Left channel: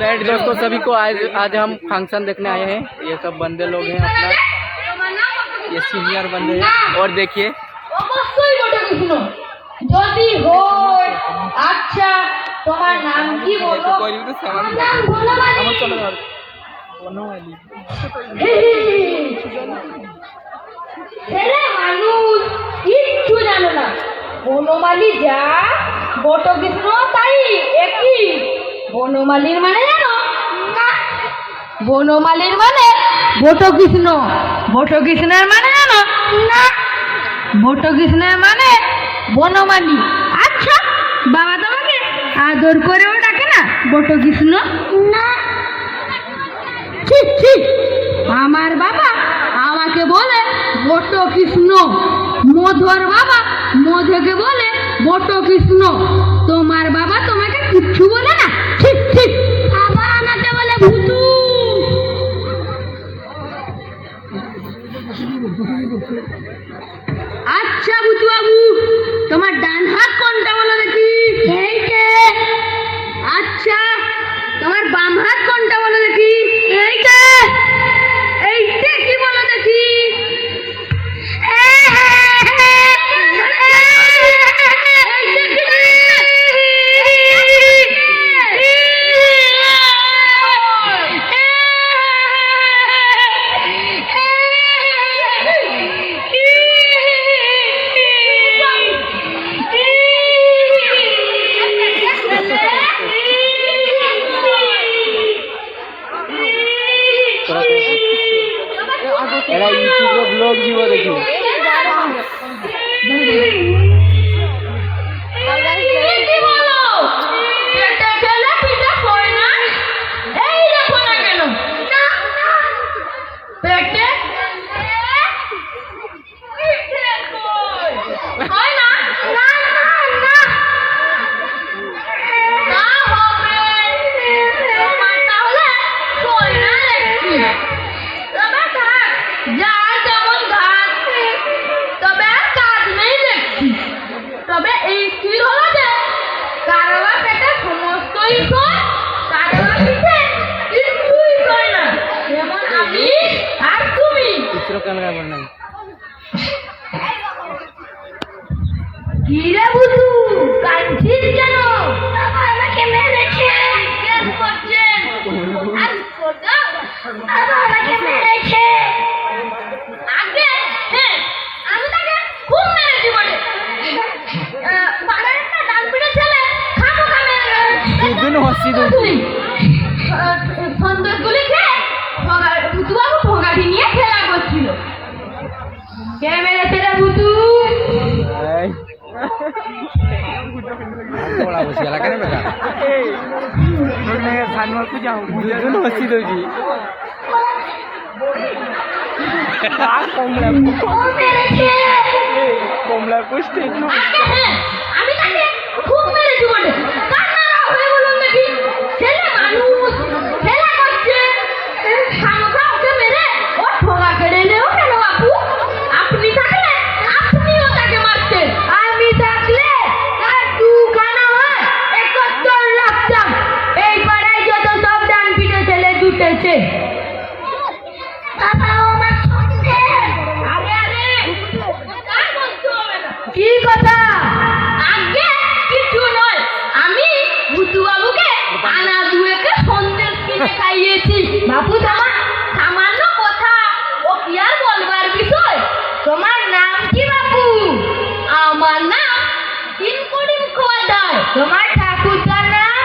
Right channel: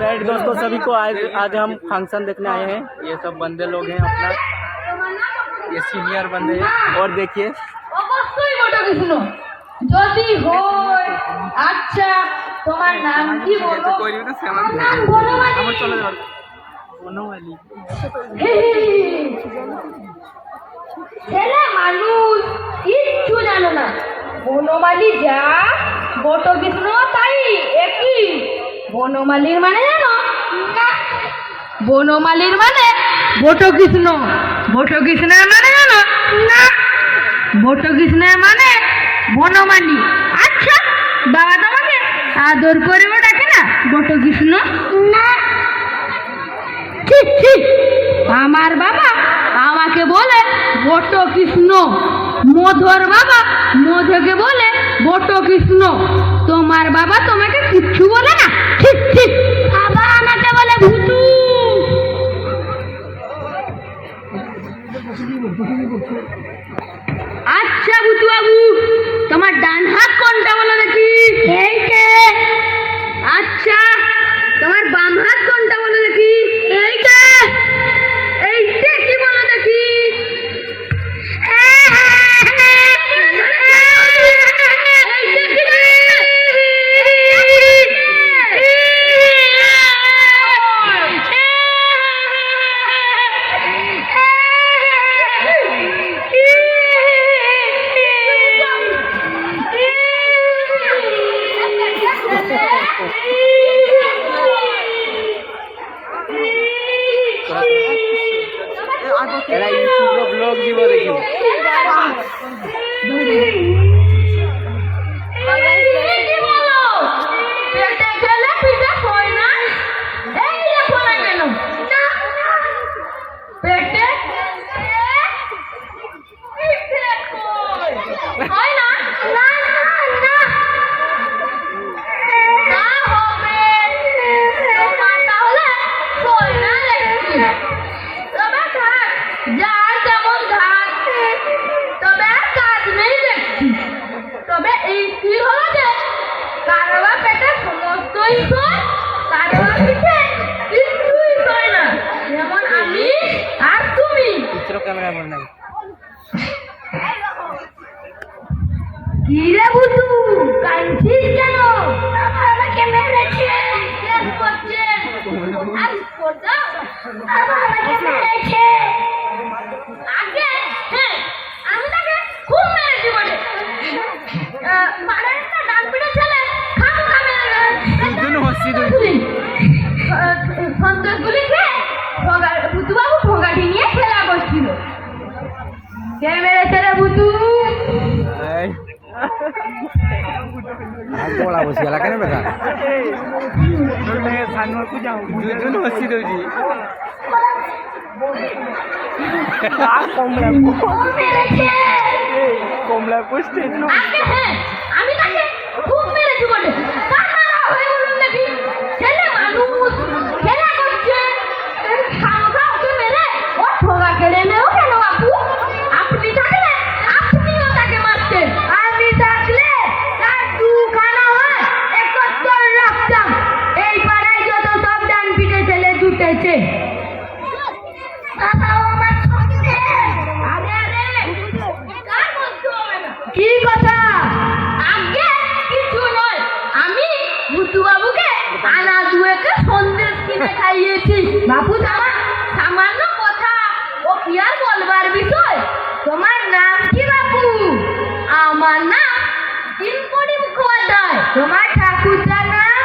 Right दोस्तों, सभी को आज हम फंक्शन देखने आए हैं। ये सब बंदे लोग हैं अपना, ये सीनियर बंदे हैं। और देखिए যদি হয় আচ্ছা তোমার নাম কি বলো? নাম বনমালী। ছেলে মানুষ কিচ্ছু জানে না। বনমালী যা বটকৃষ্ণ তাই একই। বনমালীর মানে জানো না? বনমালীর মানে বটকৃষ্ণ। বটকৃষ্ণের মানে জানো না? বটকৃষ্ণের মানে বনমালী। আচ্ছা বাবা তোমাকে আদর করেও ডাকে না বটকৃষ্ণ? না। ঠিক ঠিক, আমার বাবা আমাকে বলে বটকৃষ্ণ, মধুর বাবা মধুকে বলে বটকৃষ্ণ। তোমার বাবা তোমাকে কিচ্ছু বলে না? ঠিক ঠিক, বাবা আমাকে বলে ভুতু। আচ্ছা ভুতু বাবু, তোমার ডান হাত কোনটা বলো দেখি? এইটা। আচ্ছা তোমার বাম হাত কোনটা বলো দেখি? এইটা। এইটা কি বলো দেখি? এরা ইউটিউবে ব্লগ দিব দেখিব। তবে এই স্থির হলো যে কারোর পেটে সমস্তই সয়, কারোর পিঠে কিছুই সয় না। যেমন আমি আর তুমি। কি রে বুঝু, কাঁদছিস কেন? বাবা আমাকে মেরেছে। কেন করছে? আর করছো? বাবা আমাকে মেরেছে। আগে হ্যাঁ আমি তাকে খুব মেরেছি বলে। পাড়ার একটা ডাক পিটে ছেলে খামোখা মেরে সন্দেশগুলি খেয়ে ভুতু বাবু ভোগাটি নিয়ে খেলা করছিল। কে মেরেছে রে ভুতু? কমলা পোস্টে আমি তাকে খুব মেরেছি বলে। বলুন নাকি ছেলে মানুষ খেলা করছে, খামোখা ওকে মেরে ও ঠোঙা কেড়ে নেও কেন বাপু? আপনি থাকলে আপনিও তাকে মারতেন। আমি থাকলে তার দুখানা হয় একত্তর রাখতাম। এই পাড়ায় যত সব ডান পিটে ছেলে জুটেছে। কি কথা? আগে কিছু নয়, আমি ভুতু বাবুকে আনা দুয়েকে সন্দেশ কিনে খাইয়েছি। বাবু তোমার সামান্য কথা, ও কি আর বলবার বিষয়? তোমার নাম কি বাবু? আমার নাম তিনকড়ি মুখোপাধ্যায়। তোমার ঠাকুরদার নাম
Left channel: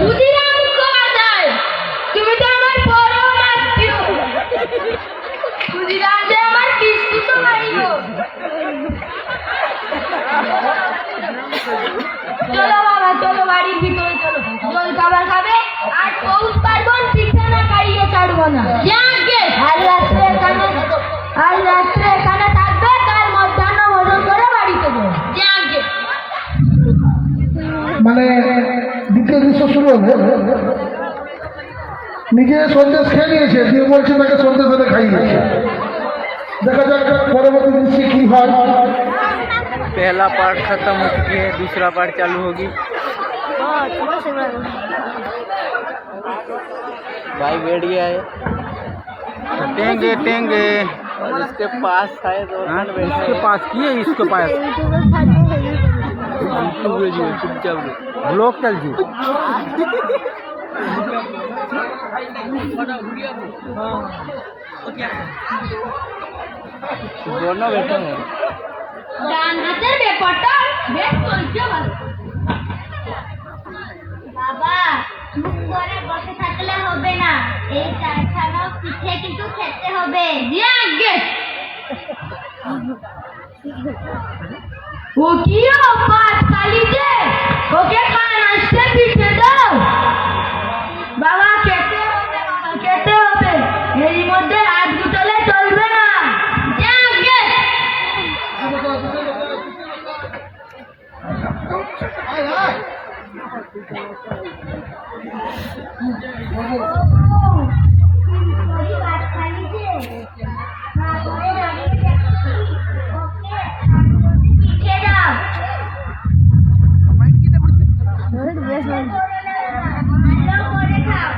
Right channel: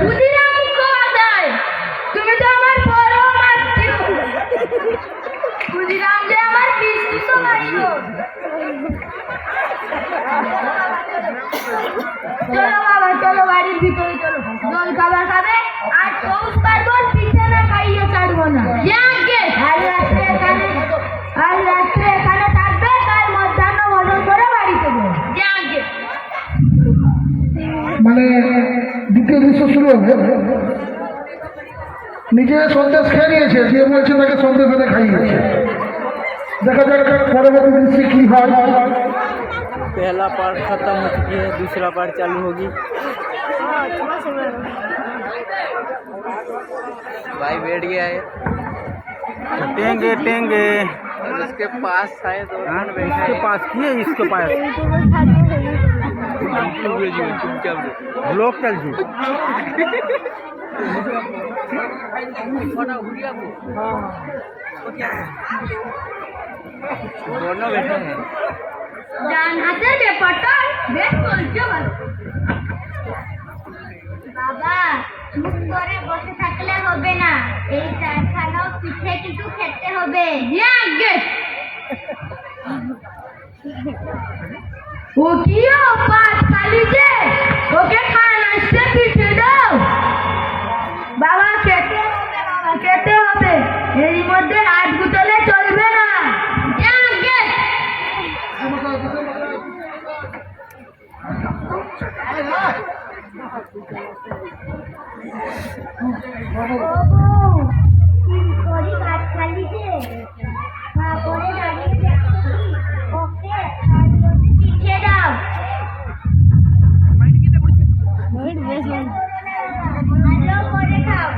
ক্ষুদিরাম মুখোপাধ্যায়। তুমি তো আমার পরম আত্মীয়। ক্ষুদিরাম যে আমার কিস্তি তো মারিও। চলো বাবা চলো, বাড়ির ভিতরে চলো। জল খাবার খাবে আর পৌষ পার্বণ পিঠে না খাইয়ে ছাড়বো না। আজ রাত্রে এখানে থাকবে, তার মধ্যাহ্ন ভোজন করে বাড়িতে যাবে। মানে দ্বিতীয় দৃশ্য শুরু হবে। নিজে সন্দেশ খেয়ে নিয়েছে, দিয়ে বলছে তাকে সন্দেশ এনে খাইয়েছে। দেখা যাক পরবর্তী দৃশ্যে কি হয়। पहला पार्ट खत्म हो चुकी है, दूसरा पार्ट चालू होगी। भाई बैठ गया है टेंगे टेंगे इसके पास शायद हाँ, इसके पास की है इसके पास ब्लॉक चल जी दोनों बैठे हैं ডান হাতের ব্যাপারটা বেশ চলছে ভালো। বাবা চুপ করে বসে থাকলে হবে না, এই চারখানা পিঠে কিন্তু খেতে হবে। আগে ও কি পাঁচ কালি যে ওকে খানা আসতে পিঠে দাও। বাবা খেতে হবে, বাবা খেতে হবে, এর মধ্যে হাত গুতলে চলবে না। আগে করি ভাত খালি যে না করে দাঁড়িয়ে দেখছি ওকে পিঠে দাও। ভালো করে খাও।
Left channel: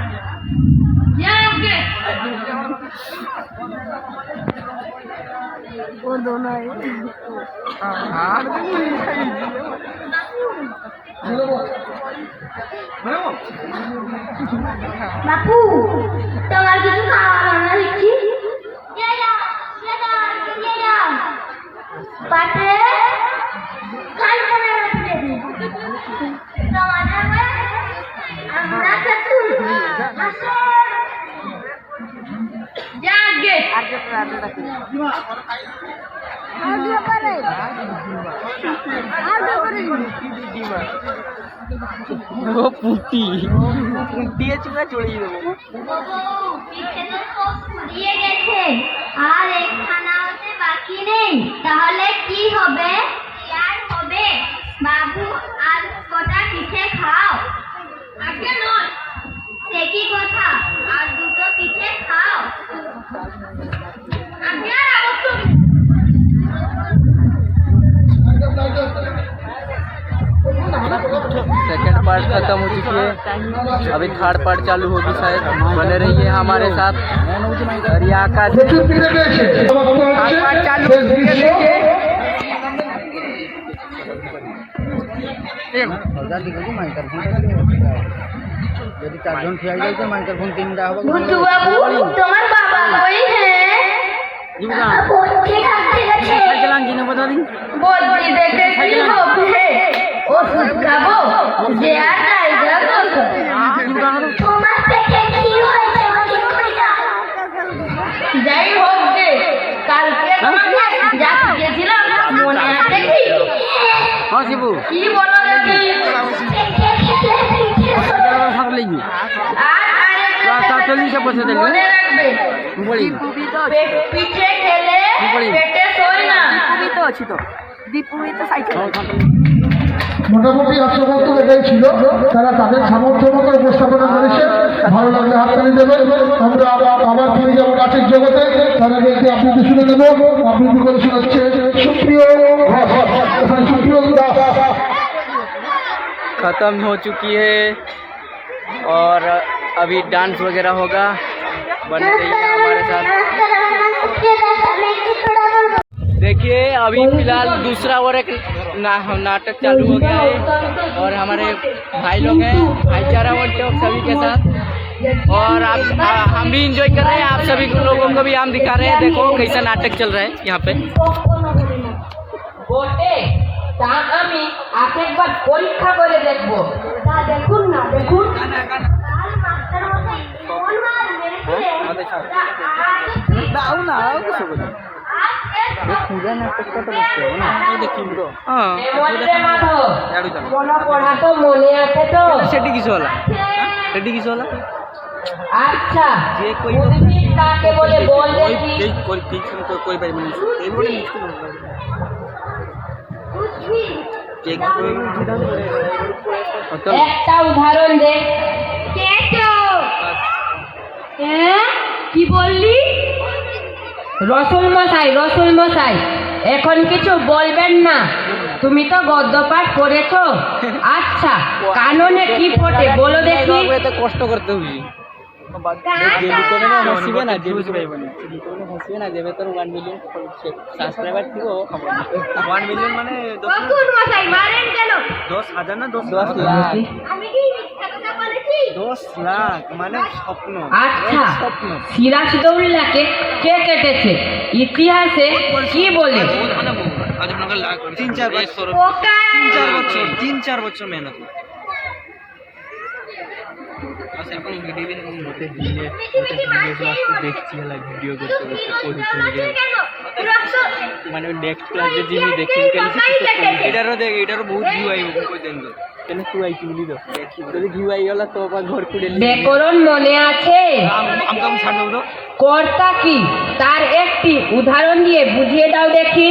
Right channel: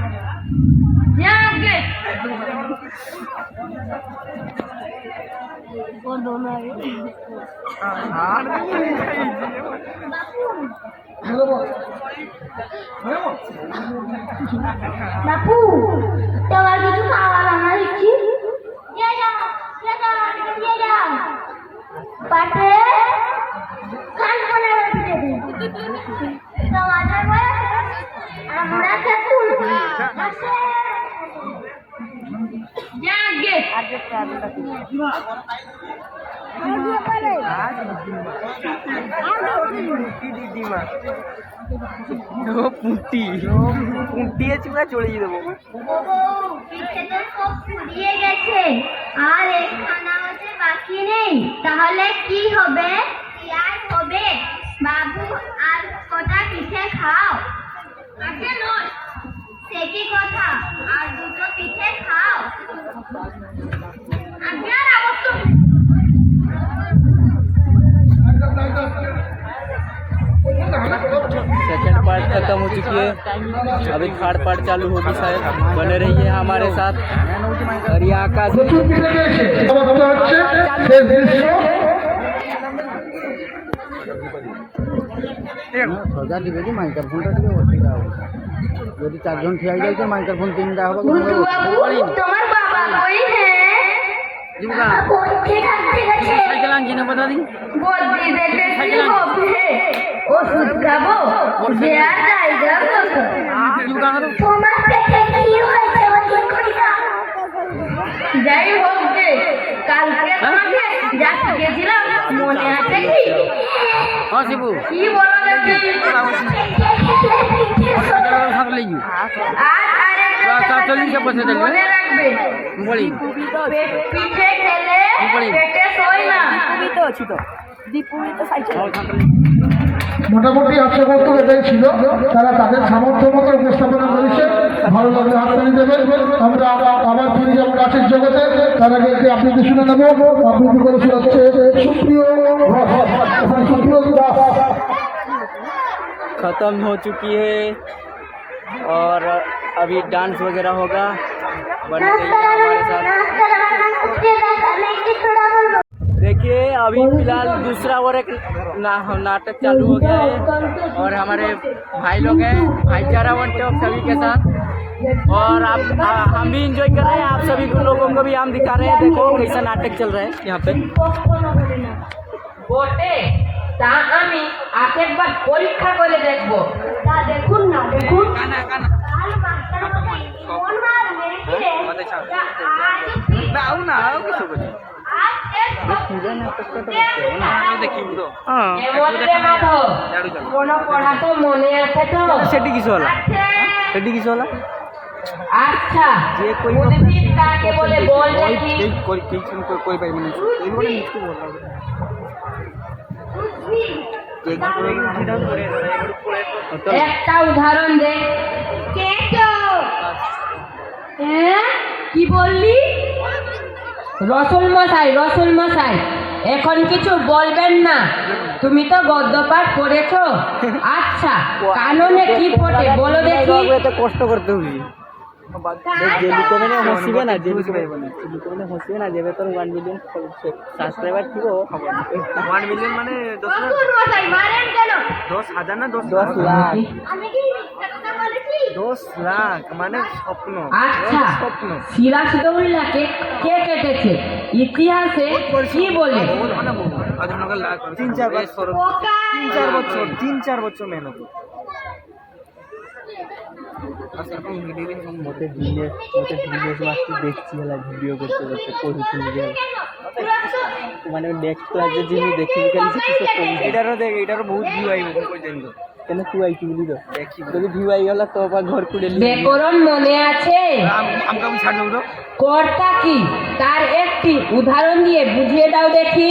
আগে বাপু তোমার কিছু খাওয়া রান্না দিচ্ছি। পাতে কালখানা তোমাদের আমরা খেতু আসে আগে পুটি পুটিয়ে চুড়া চড়িয়ে দেবো পিঠে তো সব ফুরিয়ে গেছে, আর একখানা হতে বাকি নেই, তাহলে কি হবে? কি আর হবে? বাবু আর কটা পিঠে খাও। আগে নয় সে কি কথা, আর দুটো পিঠে খাও। আগে আর অবশ্য सेकंड पार्ट खत्म हो चुकी है, अभी थर्ड पार्ट चालू होगी शायद। बने रहिए हमारे साथ। और ये आकाश প্রচুর পিঠে পেয়েছে শেষ দৃশ্য। যদি চারজন খেয়ে যায় তো মাইক্রোফোন তিনটা হবে ভুতু বাবু তোমার বাবা কই হ্যাঁ বলতে থাকতে গেছে। বলছি দেখে কি হবে? ওষুধ খাবো যে আর জায়গা কত। তোমার পেটে কি হয়েছে ওদিক করে দাও। যাই হোক যে কালকে তোমাকে যা শিখেছিলাম মনে আছে কি? হ্যাঁ শিবু কি বলো দেখি? পেটে খেলে পিঠে থাকলে কি আর আরেকটা চল্লিশে বসে থাকবে মনে রাখবে, বলি পিঠে খেলে পেটে শোয় না। মোটামুটি আজকে বক্তব্য এটাই ছিল। তারা তাদের সামর্থ্য মতো উপস্থাপনা করেছে। ভালো লাগলে হাততালি দেবেন। আমরা আবার ফিরে যাবো নাচের জগতে। তার আগে একটি আবৃত্তি শুনে নেবো। আবৃত্তি করে শোনাচ্ছে সুপ্রিয় সুপ্রিয় দাস। खत्म हो चुकी है और अभी डांस वगैरह होगा। बने रहिए हमारे साथ। देखिए अभी फिलहाल दूसरा और एक नाटक चालू हो गया है और हमारे भाई लोग हैं, भाईचारा बनते हैं सभी के साथ। और हम भी इंजॉय कर रहे हैं, आप सभी लोगों को भी हम दिखा रहे हैं। देखो कैसा नाटक चल रहा है यहाँ पे। বটে তা আমি আরেকবার পরীক্ষা করে দেখব। তা দেখুন না, দেখুন কাল মাস্টার মশাই কোন মার মেরেছে। তা আজ हाँ এমনরে মাধব কোন পড়া তো মনে আছে তো? সেটি কিছু হলো সেটি কিছু হলো আচ্ছা যে कोई উদ্ভিদ কাকে বলে বল দেখি। कोई ठीक से कोई भाई नहीं ये बड़ी मुश्किल हो रहा है केक मतलब একটা উদাহরণ দে। কি বললি? রসুল মশাই এখন কিছু বলবেন না, তুমি তো গদ্য পাঠ করেছো। আচ্ছা কাননে কি ফোটে বলো দেখি। এত কষ্ট করতে হবে ଯେମିତି ମାନେ ହସିବେ ନା ଯେମିତି ହସିବେ ନା ଯେବେ ତୋର 1 ମିଲିୟନ সাবস্ক্রাইবার থিব 1 মিলিয়ন মানে বকুল মশাই মারেন কেন 10,000 না 10 লাখ আমি কি মিথ্যা কথা বলেছি 10 লাখ মানে স্বপ্ন। আচ্ছা সিরাজদৌল্লাকে কে কেটেছে ইতিহাসে কি বলে? 3-4 বছর পোকা 3-4 বছর মেহনত। মতে দিলে দেখছি হেলা ভিডিও করতে করতে পড়িতে গেল কেন পুরো মানে নেক্সট ক্লাসে যিনি দেখি এটারও দেখ এটারও বহুত ভিউ আইবে পর্যন্ত। কেন তুই আইছি বলি তো যদি ভিউ আই গেল তো আবার ঘর খুলে ব্যাকরণ মনে আছে? আমকে আমি ছাড় দেবো তো। কর্তা কি তার একটি উদাহরণ দিয়ে বুঝিয়ে দাও দেখি।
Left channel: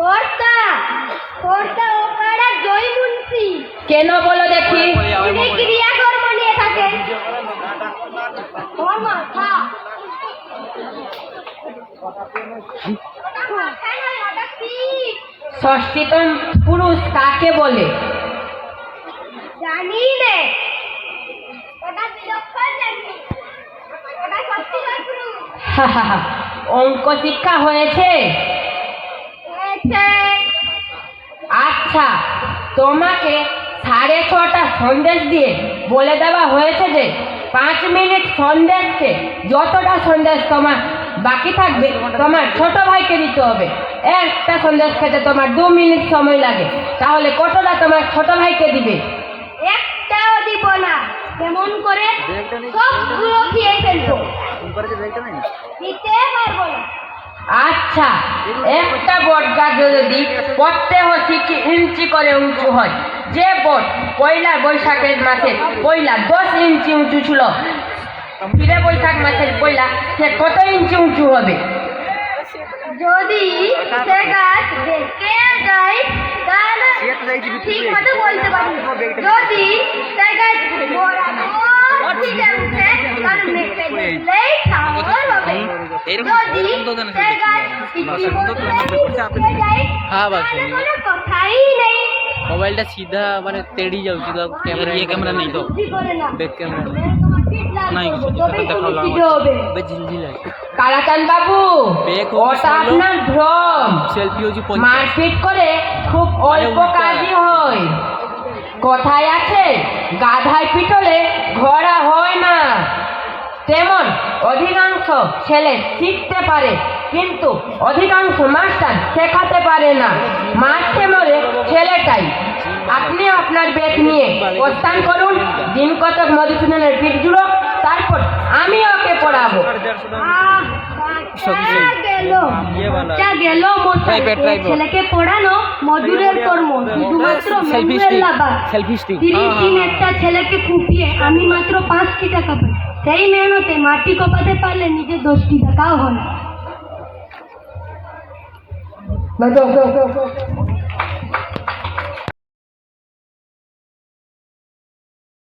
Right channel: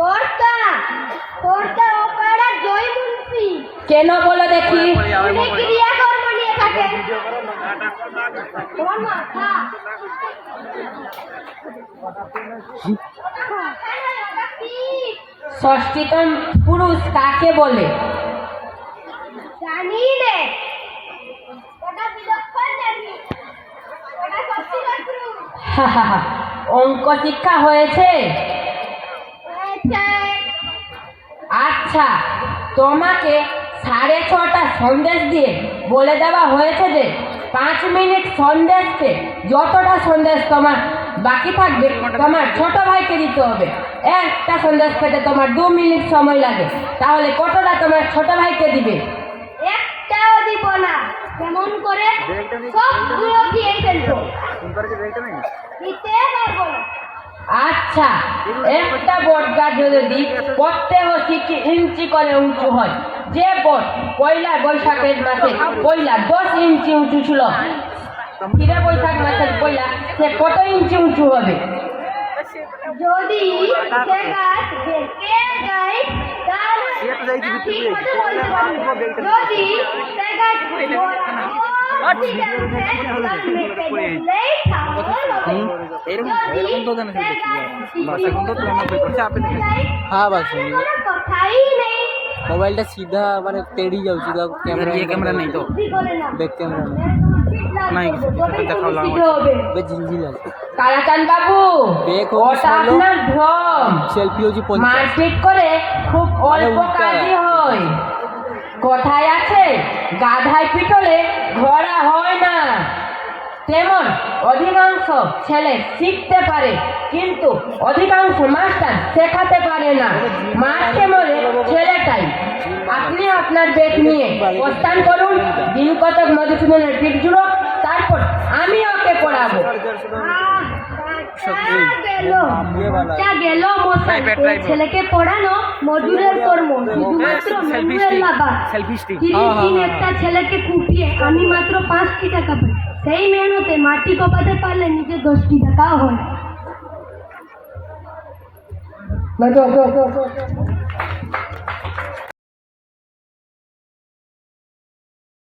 কর্তা কর্তা ওকারা জয় মুন্সি কেন বলো দেখি। উনি ক্রিয়া কর্ম নিয়ে থাকে ও মাথা ষষ্ঠীতম পুরুষ কাকে বলে? জানি নে ওটা বিলক্ষণ জানি ওটা সত্যি পুরুষ অঙ্ক শিক্ষা হয়েছে? হয়েছে আচ্ছা তোমাকে 6:30টা সন্দেশ দিয়ে বলে দেওয়া হয়েছে যে 5 মিনিট সন্দেশকে যতটা সন্দেশ তোমার বাকি থাকবে তোমার ছোট ভাইকে দিতে হবে। একটা সন্দেশ খেতে তোমার 2 মিনিট সময় লাগে, তাহলে কতটা তোমার ছোট ভাইকে দিবে? একটাও দিব না কেমন করে সবগুলো দিয়ে ফেলবো দিতে পারবো না আচ্ছা একটা বট গাছ যদি প্রত্যেক কি ইঞ্চি করে উঁচু হয়, যে বট পয়লা বৈশাখের মাসে পয়লা 10 ইঞ্চি উঁচু ছিল, ফিরে বৈশাখ মাসের পয়লা সে কত ইঞ্চি উঁচু হবে? যদি সে গাছ দেখে যায় তাহলে ঠিক মতো বলতে পারবো যদি সে গাছ বরাবর দিকে উঠে তাহলে মেপে দেখলেই সামল হবে যদি সে গাছ পিছনে যায় হ্যাঁ বাস কোনো কথাই নেই মোবাইলটা সিধা মানে তেড়ি যাଉଛି তো ক্যামেরা ক্যামেরা নেই তো বুদ্ধি করে না ব্যাক ক্যামেরা নাই কিছু দেখাও হবে ঝিলঝিল আছে কালাচান বাবু বেক ওটা আপনার ভ্রম। সেলফি হচ্ছে মারপিট করে খুব অল্প কাজই হয়। কথায় আছে গাধায় পিটলে ঘোড়া হয় না, তেমন অধিকাংশ ছেলে শিখতে পারে কিন্তু অধিকাংশ মাস্টার শেখাতে পারে না। মারতে মরে ছেলেটাই। আপনি আপনার ব্যাগ নিয়ে প্রস্থান করুন, দিন কতক মধুসূদনের পিঠ জুড়ো, তারপর আমি ওকে পড়াবো। গেল মশাই এই ছেলেকে পড়ানো মজুরের কর্ম, শুধুমাত্র ম্যানুয়াল লাভার। সেলফি স্টিক 30 দিন একটা ছেলেকে কুপিয়ে আমি মাত্র 5টি টাকা পাই। সেই মেহনতে মাটি কোপাতে পারলে নিজে 10টি টাকাও হয়।